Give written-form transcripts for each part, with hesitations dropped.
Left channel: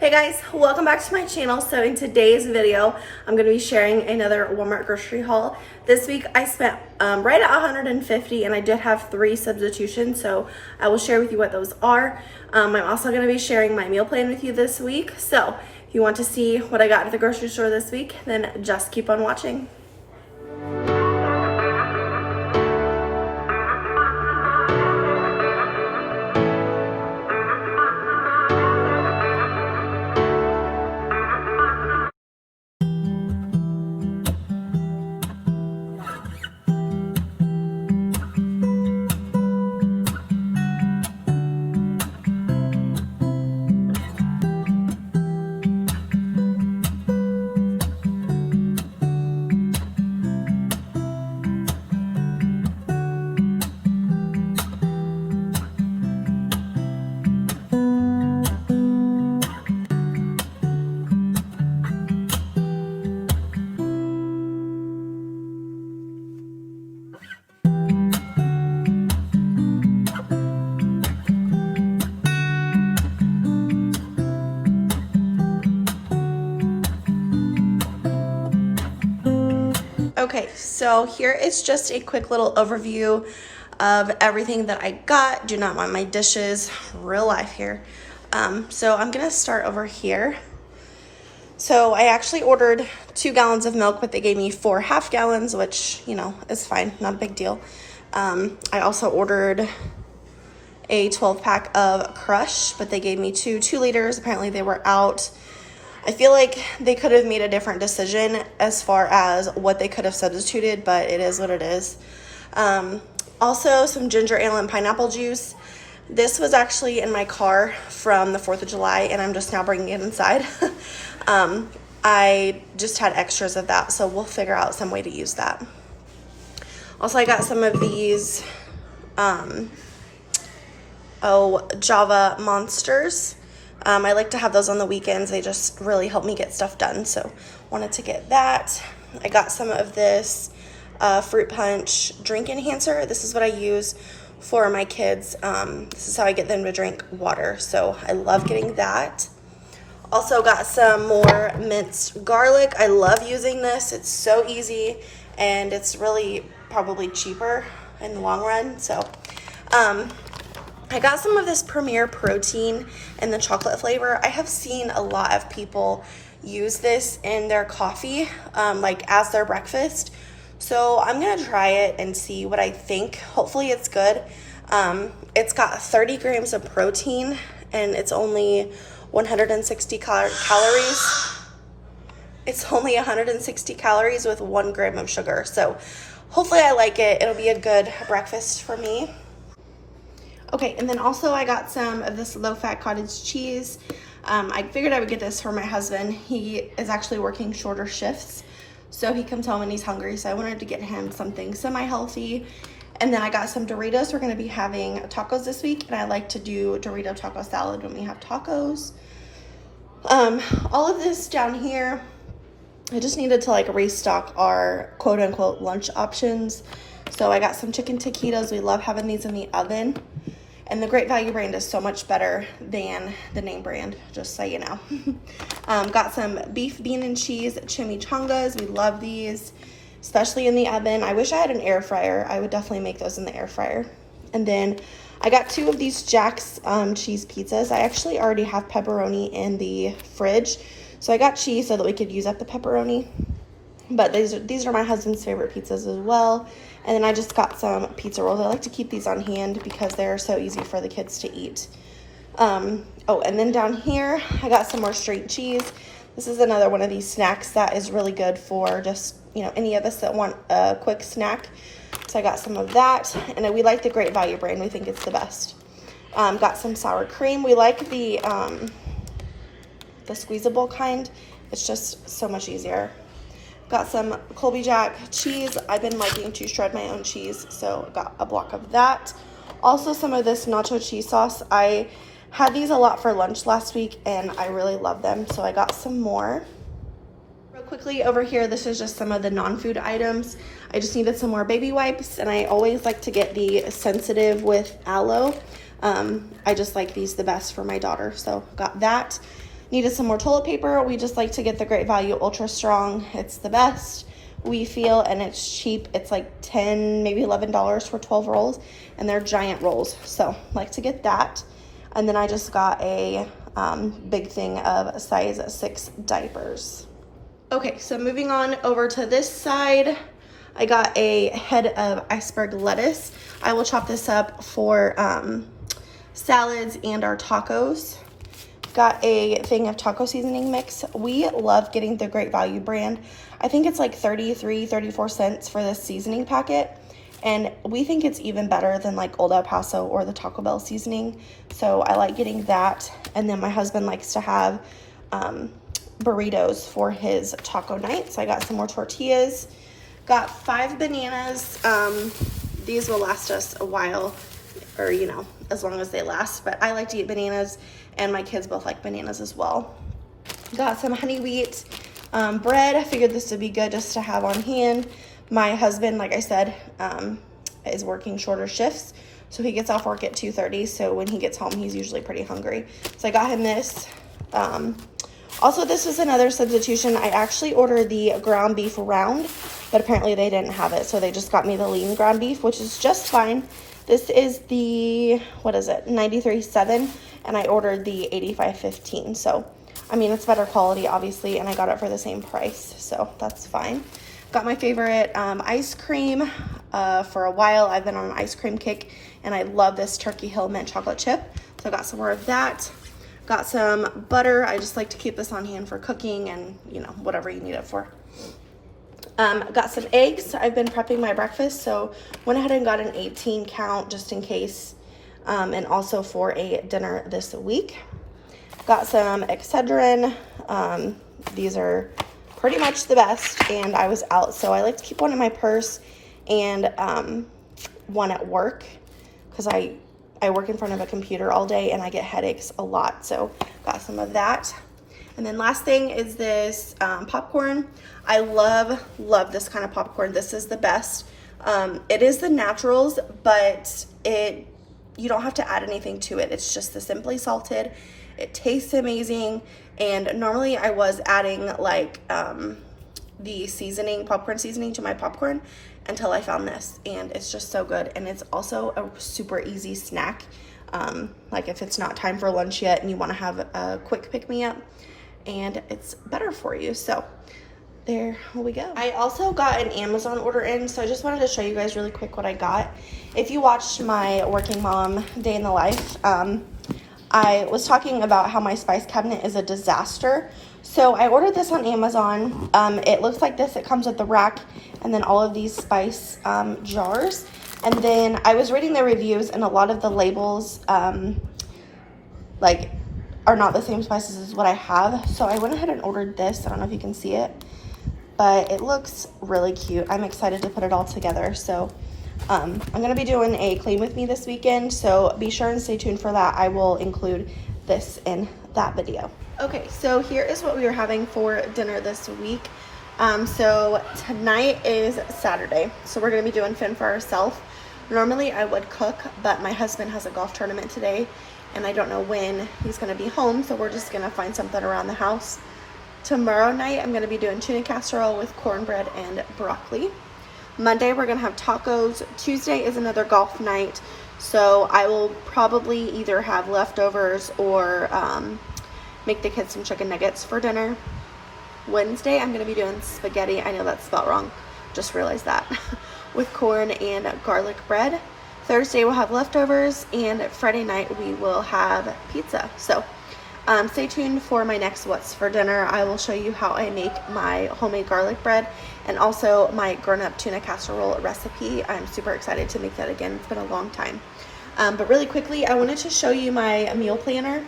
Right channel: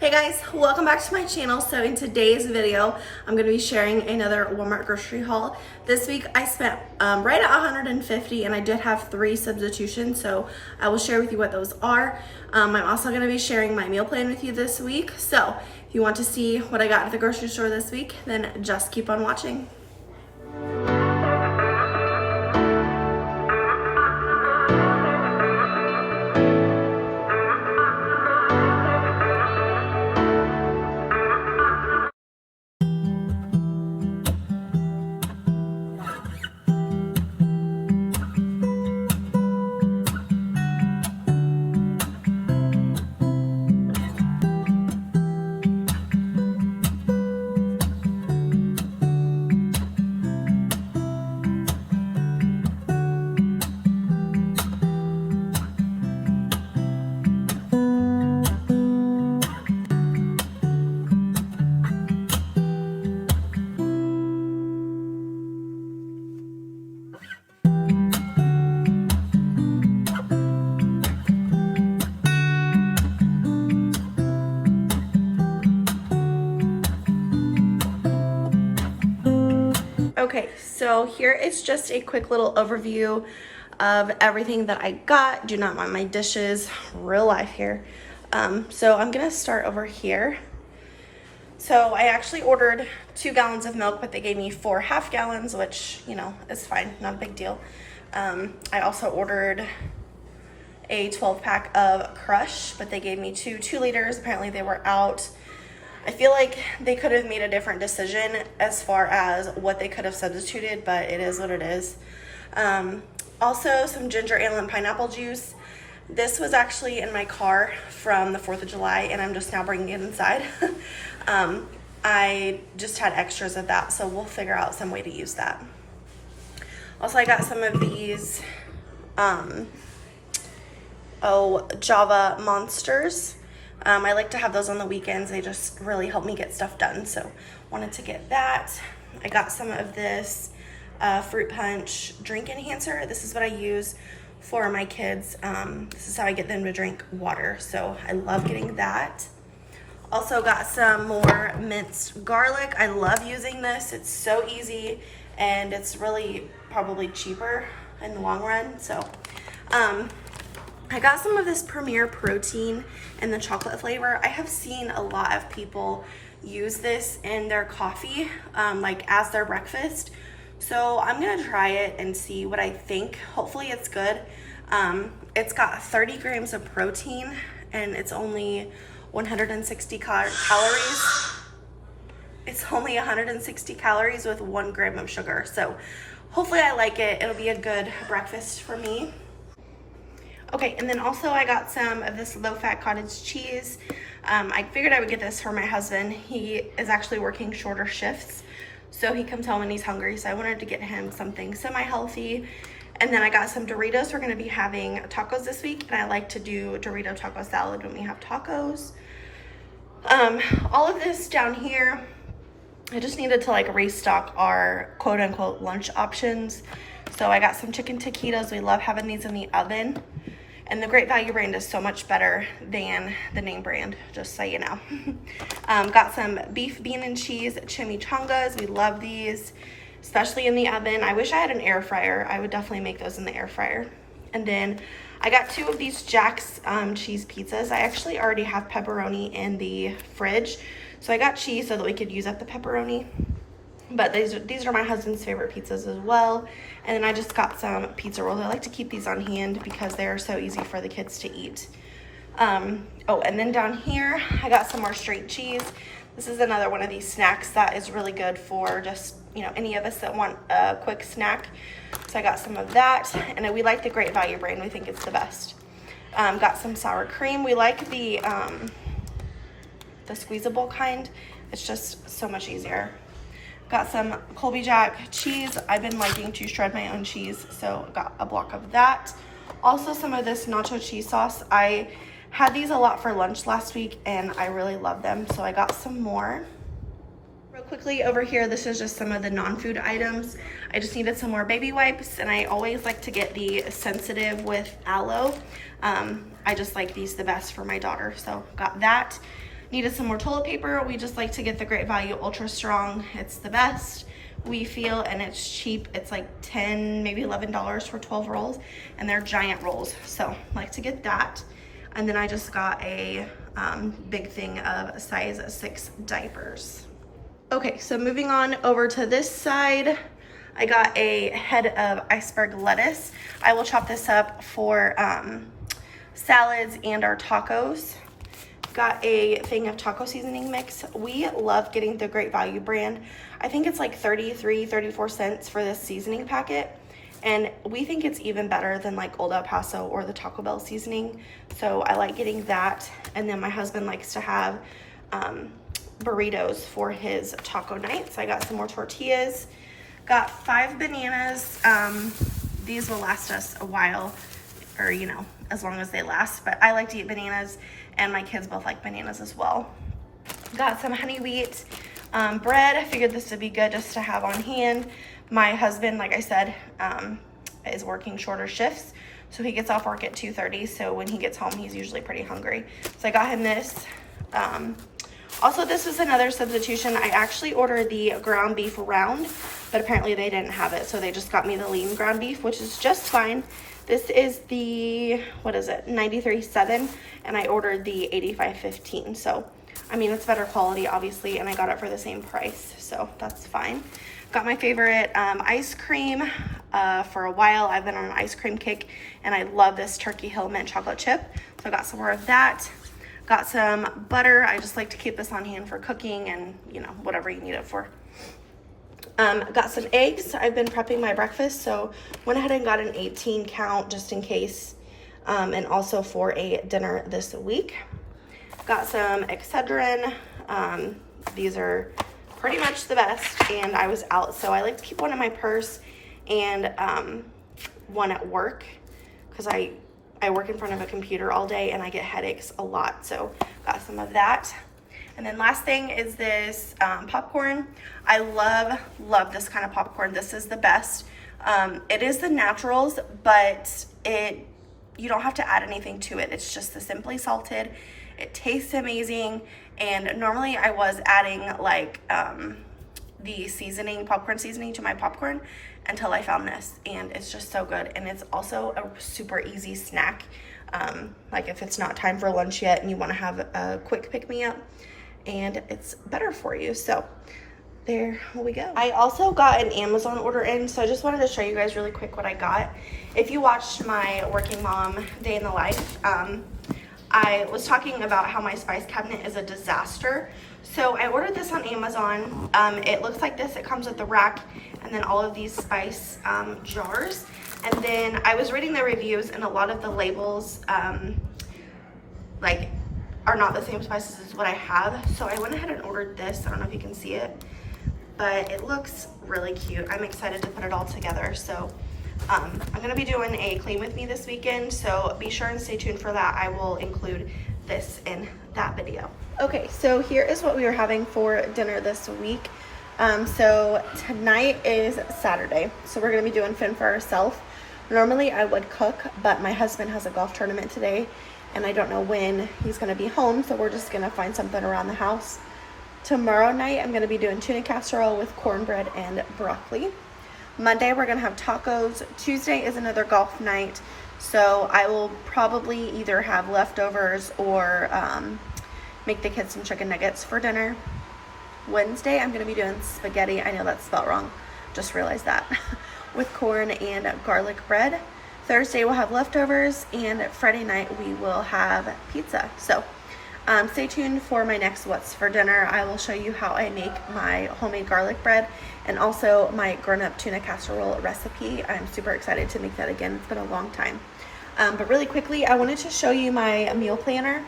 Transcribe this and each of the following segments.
Hey guys, welcome back to my channel. So in today's video, I'm going to be sharing another Walmart grocery haul. This week I spent right at 150 and I did have 3 substitutions, so I will share with you what those are. I'm also going to be sharing my meal plan with you this week. So if you want to see what I got at the grocery store this week, then just keep on watching. Okay, so here is just a quick little overview of everything that I got. Do not mind my dishes, real life here. So I'm gonna start over here. So I actually ordered 2 gallons of milk, but they gave me 4 half gallons, which, you know, is fine, not a big deal. I also ordered a 12 pack of Crush, but they gave me 2 liters. Apparently they were out. I feel like they could have made a different decision as far as what they could have substituted, but it is what it is. Also, some ginger ale and pineapple juice. This was actually in my car from the 4th of July, and I'm just now bringing it inside. I just had extras of that, so we'll figure out some way to use that. Also, I got some of these Java Monsters. I like to have those on the weekends. They just really help me get stuff done, so wanted to get that. I got some of this fruit punch drink enhancer. This is what I use for my kids. This is how I get them to drink water, so I love getting that. Also got some more minced garlic. I love using this. It's so easy, and it's really probably cheaper in the long run. So I got some of this Premier Protein in the chocolate flavor. I have seen a lot of people use this in their coffee, like as their breakfast. So I'm gonna try it and see what I think. Hopefully it's good. It's got 30 grams of protein and it's only 160 calories. It's only 160 calories with 1 gram of sugar. So hopefully I like it. It'll be a good breakfast for me. Okay, and then also I got some of this low-fat cottage cheese. I figured I would get this for my husband. He is actually working shorter shifts, so he comes home and he's hungry, so I wanted to get him something semi-healthy. And then I got some Doritos. We're gonna be having tacos this week, and I like to do Dorito taco salad when we have tacos. All of this down here, I just needed to like restock our quote-unquote lunch options. So I got some chicken taquitos. We love having these in the oven. And the Great Value brand is so much better than the name brand, just so you know. Got some beef, bean, and cheese chimichangas. We love these, especially in the oven. I wish I had an air fryer. I would definitely make those in the air fryer. And then I got 2 of these Jack's cheese pizzas. I actually already have pepperoni in the fridge, so I got cheese so that we could use up the pepperoni. But these are my husband's favorite pizzas as well. And then I just got some pizza rolls. I like to keep these on hand because they are so easy for the kids to eat. Oh, and then down here, I got some more straight cheese. This is another one of these snacks that is really good for just, you know, any of us that want a quick snack. So I got some of that. And we like the Great Value brand. We think it's the best. Got some sour cream. We like the squeezable kind. It's just so much easier. Got some Colby Jack cheese. I've been liking to shred my own cheese, so got a block of that. Also some of this nacho cheese sauce. I had these a lot for lunch last week and I really love them, so I got some more. Real quickly over here, this is just some of the non-food items. I just needed some more baby wipes, and I always like to get the sensitive with aloe. I just like these the best for my daughter, so got that. Needed some more toilet paper. We just like to get the Great Value Ultra Strong. It's the best, we feel, and it's cheap. It's like 10, maybe $11 for 12 rolls, and they're giant rolls. So like to get that. And then I just got a big thing of size 6 diapers. Okay, so moving on over to this side, I got a head of iceberg lettuce. I will chop this up for salads and our tacos. Got a thing of taco seasoning mix. We love getting the Great Value brand. I think it's like 34 cents for this seasoning packet. And we think it's even better than like Old El Paso or the Taco Bell seasoning. So I like getting that. And then my husband likes to have burritos for his taco night. So I got some more tortillas. Got 5 bananas. These will last us a while, or you know, as long as they last. But I like to eat bananas, and my kids both like bananas as well. Got some honey wheat bread. I figured this would be good just to have on hand. My husband, like I said, is working shorter shifts, so he gets off work at 2:30. So when he gets home, he's usually pretty hungry. So I got him this. Also, this was another substitution. I actually ordered the ground beef round, but apparently they didn't have it, so they just got me the lean ground beef, which is just fine. This is the, what is it, 93.7, and I ordered the 85.15. So, I mean, it's better quality, obviously, and I got it for the same price, so that's fine. Got my favorite ice cream. For a while, I've been on an ice cream kick, and I love this Turkey Hill mint chocolate chip, so I got some more of that. Got some butter. I just like to keep this on hand for cooking and, you know, whatever you need it for. Got some eggs. I've been prepping my breakfast, so went ahead and got an 18 count just in case, and also for a dinner this week. Got some Excedrin. These are pretty much the best, and I was out, so I like to keep one in my purse and one at work, because I work in front of a computer all day and I get headaches a lot, so got some of that. And then last thing is this popcorn. I love this kind of popcorn. This is the best. It is the naturals, but you don't have to add anything to it. It's just the simply salted. It tastes amazing, and normally I was adding like the seasoning, popcorn seasoning to my popcorn, until I found this, and it's just so good. And it's also a super easy snack, like if it's not time for lunch yet and you want to have a quick pick-me-up, and it's better for you. So there we go. I also got an Amazon order in, so I just wanted to show you guys really quick what I got. If you watched my working mom day in the life, I was talking about how my spice cabinet is a disaster. So I ordered this on Amazon. It looks like this. It comes with the rack and then all of these spice jars. And then I was reading the reviews, and a lot of the labels like are not the same spices as what I have. So I went ahead and ordered this. I don't know if you can see it, but it looks really cute. I'm excited to put it all together. So I'm going to be doing a clean with me this weekend, so be sure and stay tuned for that. I will include this in that video. Okay, so here is what we are having for dinner this week. So tonight is Saturday, so we're going to be doing fin for ourselves. Normally I would cook, but my husband has a golf tournament today, and I don't know when he's going to be home, so we're just going to find something around the house. Tomorrow night I'm going to be doing tuna casserole with cornbread and broccoli. Monday we're going to have tacos. Tuesday is another golf night, so I will probably either have leftovers or make the kids some chicken nuggets for dinner. Wednesday I'm going to be doing spaghetti. I know that's spelled wrong, just realized that. With corn and garlic bread. Thursday we'll have leftovers, and Friday night we will have pizza. So stay tuned for my next what's for dinner. I will show you how I make my homemade garlic bread and also my grown-up tuna casserole recipe. I'm super excited to make that again. It's been a long time. But really quickly, I wanted to show you my meal planner.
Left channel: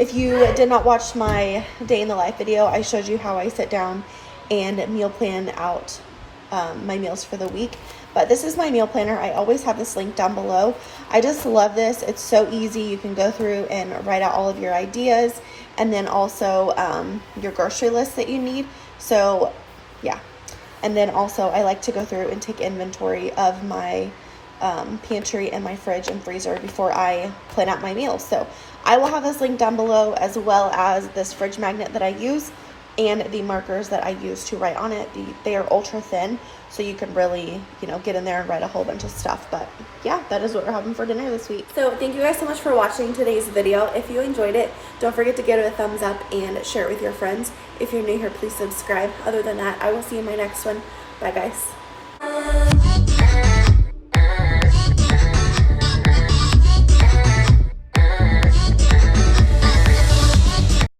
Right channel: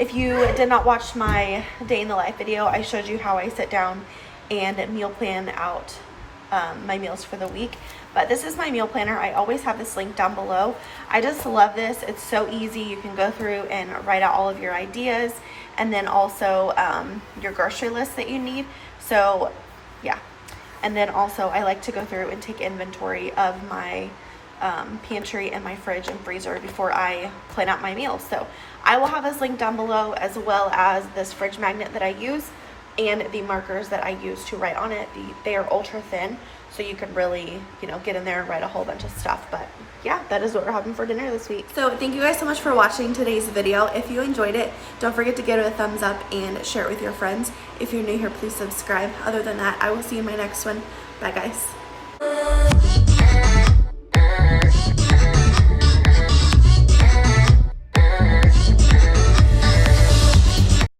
If you did not watch my day in the life video, I showed you how I sit down and meal plan out my meals for the week. But this is my meal planner. I always have this link down below. I just love this. It's so easy. You can go through and write out all of your ideas, and then also your grocery list that you need. So yeah, and then also I like to go through and take inventory of my pantry and my fridge and freezer before I plan out my meals. So I will have this link down below, as well as this fridge magnet that I use and the markers that I use to write on it. They are ultra thin, so you can really, you know, get in there and write a whole bunch of stuff. But yeah, that is what we're having for dinner this week. So thank you guys so much for watching today's video. If you enjoyed it, don't forget to give it a thumbs up and share it with your friends. If you're new here, please subscribe. Other than that, I will see you in my next one. Bye guys.